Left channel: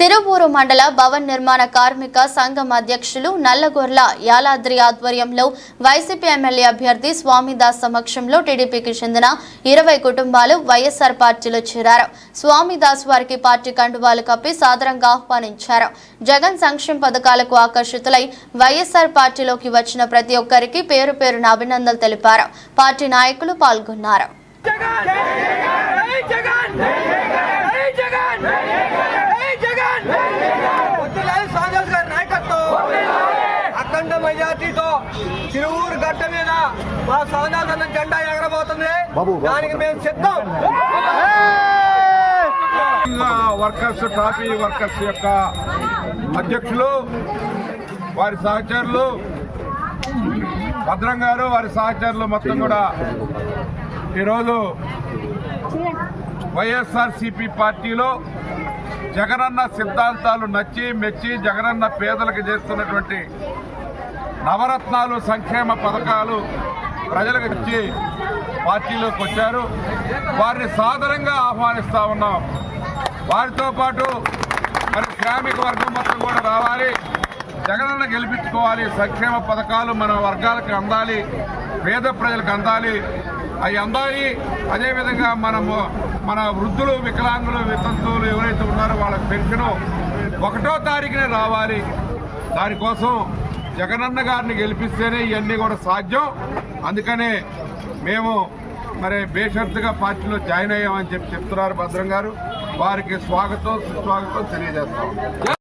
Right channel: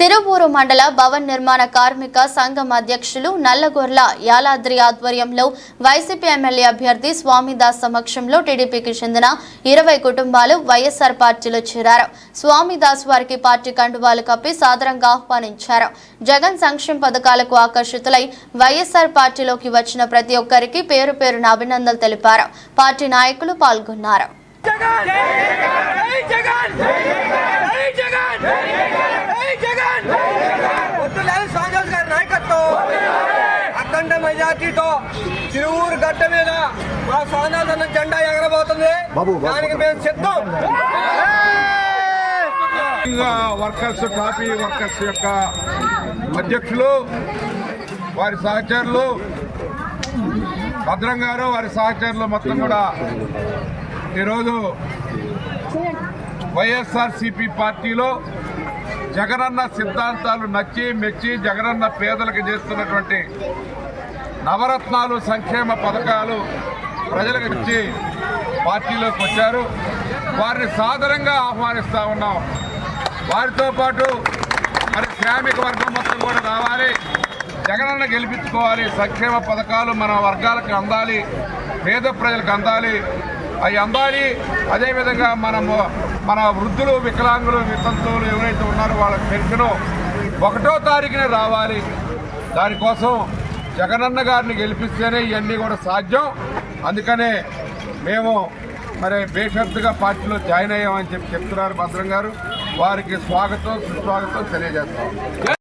తిరువూరు మండల భవన్ నిర్మాణ కార్మిక సంఘం అధ్యక్షులు నల్లగొర్ల యాలాద్రి ఆధ్వర్యంలో వైసీపీ ఎమ్మెల్యే అభ్యర్థి స్వామిదాస్ సమక్షంలో టీడీపీకి చెందిన ఇరవై కుటుంబాలు వైఎస్ఆర్ పార్టీలో చేరారు. స్వామిదాస్ వారికి పార్టీ కండువాలు కప్పి సాదరంగా ఆహ్వానించారు. జగన్ సంక్షేమ పథకాలకు ఆకర్షితులై వైఎస్ఆర్ పార్టీలోకి వచ్చిన ప్రతి ఒక్కరికి పేరు పేరున అభినందనలు తెలిపారు. పార్టీ నాయకులు పాల్గొన్నారు జగన్ జై జగన్ జై జగన్ జై జగన్ వద్దులేదు సాగర్ గారి నాయకత్వం అఖండ మెజార్టీతో తిరువూరు గడ్డ మీద మా సాధారణ జెండా ఎగరబోతుంది. దానికి మేము సిద్ధం. వర్కర్స్ టాపీ వర్కర్స్ యొక్క అధ్యక్షులు వారి సహచరులు భద్రం గారు వారి సహచరులు మొత్తం కూడా ఈరోజు వైఎస్ఆర్ సిపి పార్టీలో జగనన్న సిద్ధాంతాలు నచ్చి మెచ్చి జగనన్న పేదలకు చేస్తున్నటువంటి నవరత్నాలు సంక్షేమ పథకాలు ప్రజలకు ఇచ్చి పార్టీలోకి వచ్చారు. వారిని సాదరంగా ఆహ్వానిస్తూ ఉన్నాం. వారితో పాటు మరి శ్రామిక వర్గం మొత్తం కూడా రావాలి. జగనన్న గెలిపించుకోవాలి. సంక్షేమ పథకాలు మన వర్గాలకు అందాలి. పేద ప్రజలకు అందాలి. అవి అందాలి. అదేవిధంగా మనము మన వృద్ధులు వికలాంగులు వితంతువులు ఎవరైతే ఉన్నారో వాళ్ళకి పెన్షన్ ఒకటో తారీఖున రావాలి. దానికోసం జగనన్న గారిని గెలిపిస్తేనే ఇవన్నీ కూడా సాధ్యం. అందుకనే మేము మరి బేషరతుగా పార్టీలో జాయిన్ అయ్యామని చెప్పి చెప్తున్నారు భద్రం గారు. వారికి స్వాగతం సుస్వాగతం తెలియజేస్తాం.